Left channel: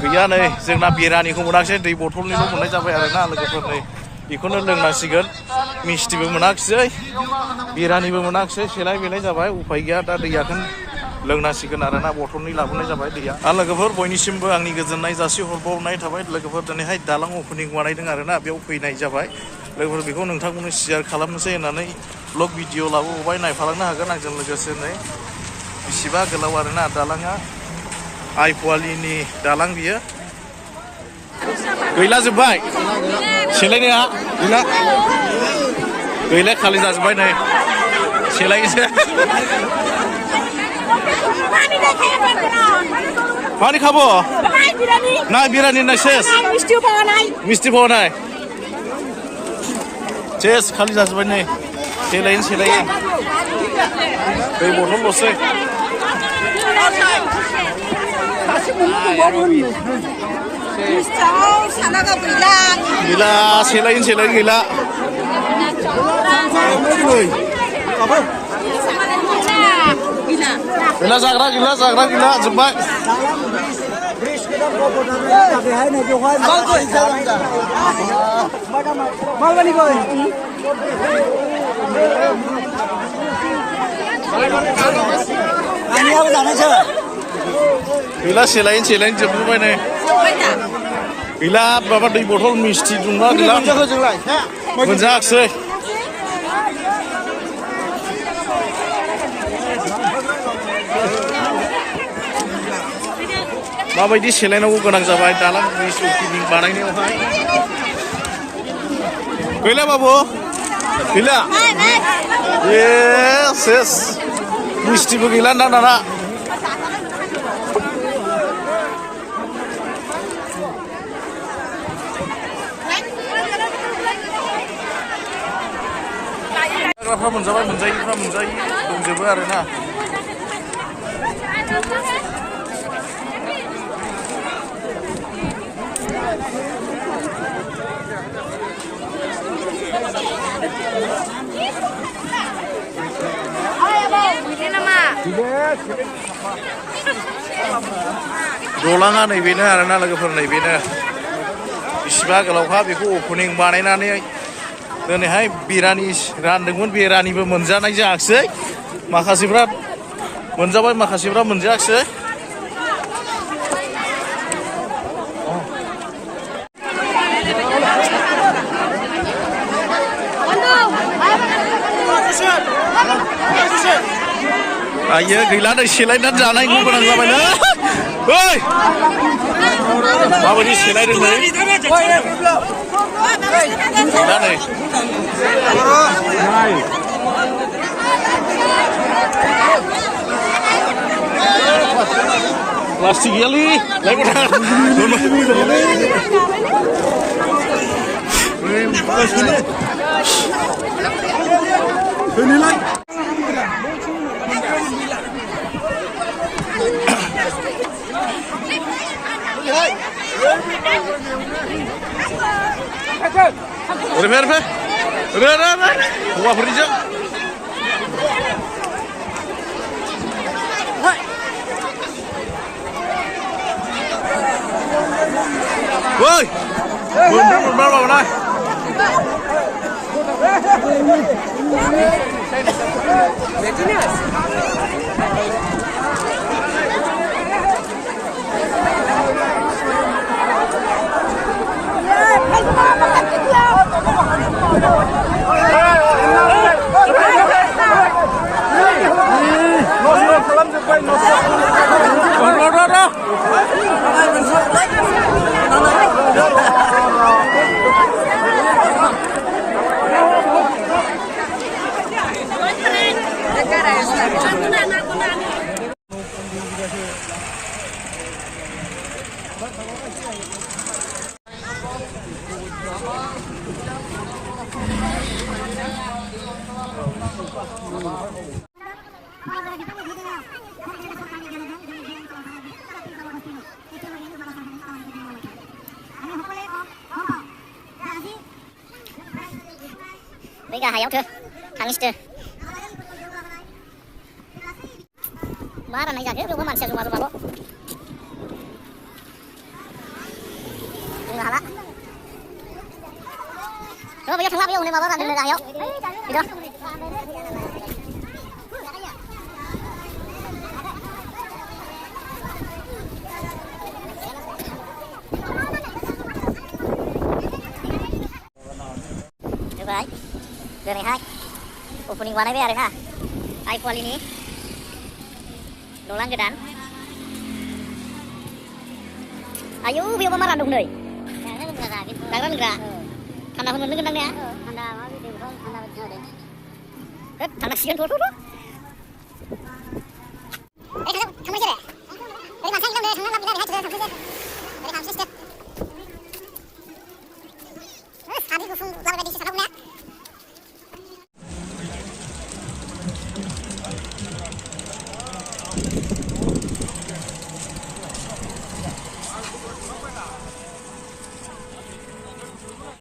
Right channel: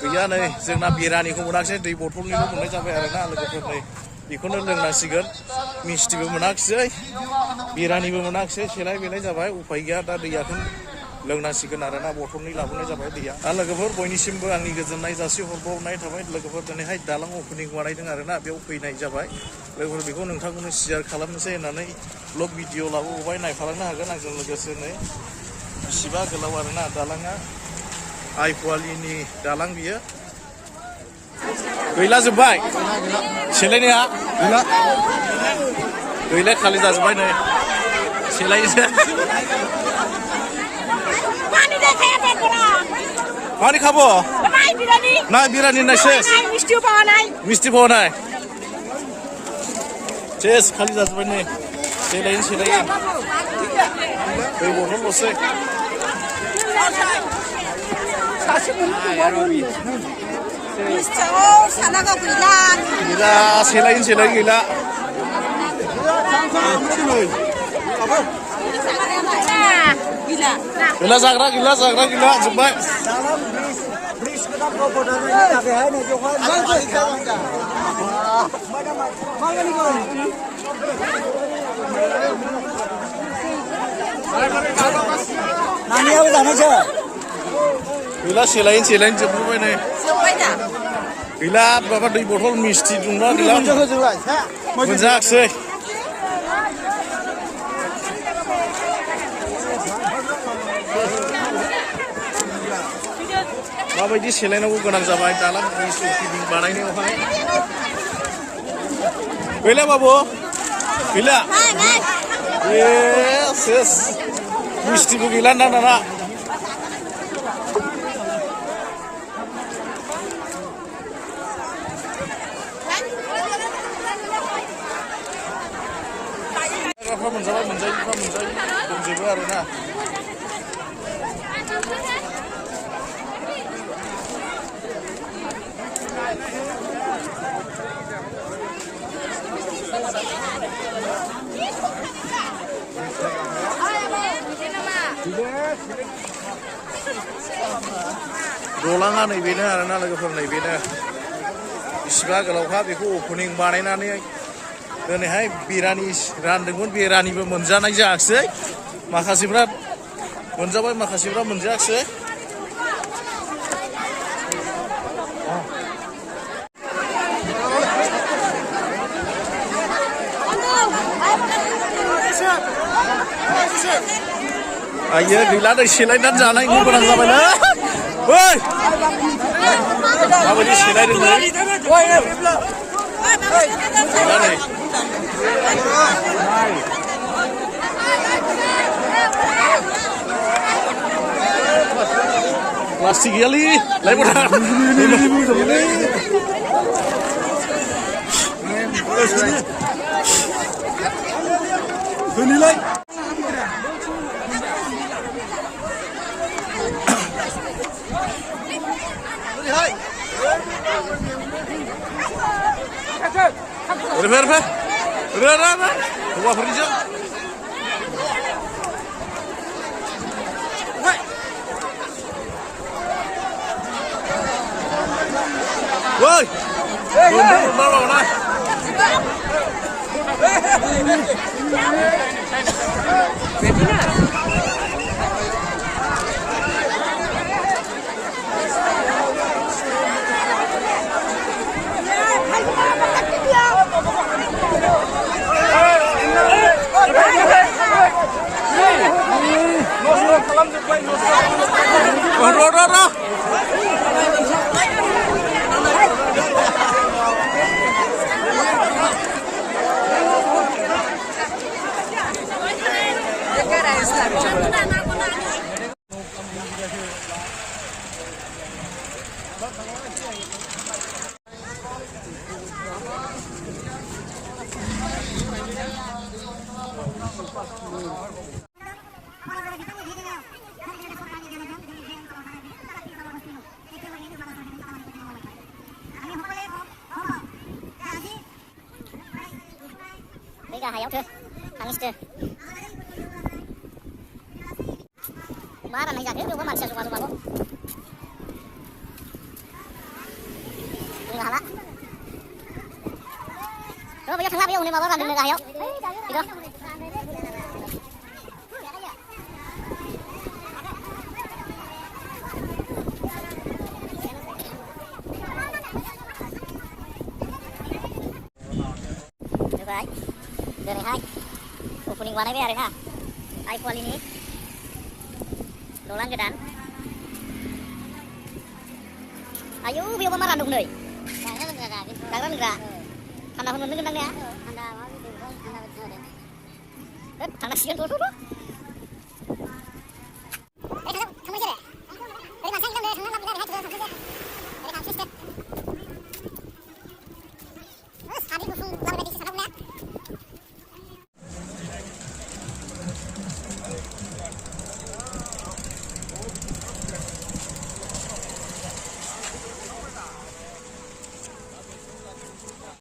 गैया नै जोंना बिरानिखौ मोनाखिसै दै बथलनिल' मोननाय जाबाय आरोना लोगोफोर नै बेखौनो लोंनांसिगोन मिस्टिबो मोनाखिसै बिरानिबो मोनाखिसै सेलाय बेलाय जाबाय उफाय गैया दा दैयाखौनो लोंनांसिगोन आरोना बथलनि लाबोनाय जाबाय दैया आरो लोगोफोर बयनिसिमबो आंनि गोजोननाय जासिहरबावनाय थाबाय लोगोफोर दिनैहाय दालां अपेनिं बानायदों आरोना बेयाव फैनाय जाबाय लोगोफोर बेखौ नोंथांमोननो शेयार खालामनोसै होननानै ब्लग भिडिअ लाबोबाय नायफालांनो हागोन आंजों लोगोसे नै बेसेबा गोलाव आरोना दालाङा आइपुवालिनि दालां बियो गैला जोब्बाय सेलायनाया गैला खालि जाजोब्बाय नै सेलायनोसै मानि खाबो ना बिरानि ना सेस मिस्टि पावा नाय सेस खालि जाजोब्बाय नै सेलायो दै बथलल'सै गैला सेलायो गैला जाग्रा गैला जोब्बाय गैला सेलायो जोबजोब्बाय नै गैला माबा दै बथल मिस्टि दंना गैला मोनजायाखिसै माबायदि सेलायनांगौ गोनां जाबाय दालां ब्रिज अपेनिं बानायनायावहाय गैला बाबु गैला सेस मिस्टिबो गैला ना दाना जाग्राफ्रा मोनजाबाय मोनजायिफ्रा मोनजायि दंजोबो आरोना दलाङा नैबेनो आरोना लोगोफोर नैबेनो बेसेबा गोलावखा बेखौ अपेनिं बानायनानै दिनैहाय बिरानि रानदोंमोन बिरानिबो मोनजानाय जायाखिसै माखासेफ्रा मोनजाबाय माखासेफ्रा मोनजायाखिसै आयो गैला नै सेलायनानै जानायखौ गोनां जाबायलै ओइ माबायदि सेलायदों नै गैला नै प्लास्टिक गैयालै लायबोनाय Refer, Gua pergi. Woi, bener mana? Bây giờ chưa? Hàng chưa? Ba này giờ cái đâu có mặt xe xuống mà. bunuh hala. Rồi bây giờ thằng lap yêu này mà vẫn làm được này không? Đi đâu? Được rồi. Giờ này hai. Opening warna ini ada ha. Iphone ini. Dolan gedan. Ayo biar pemaran dong deh. Jangan enggak. Tanda pun mendengar ya. Tanda mau di tanda betul deh. Tanda sian tuh.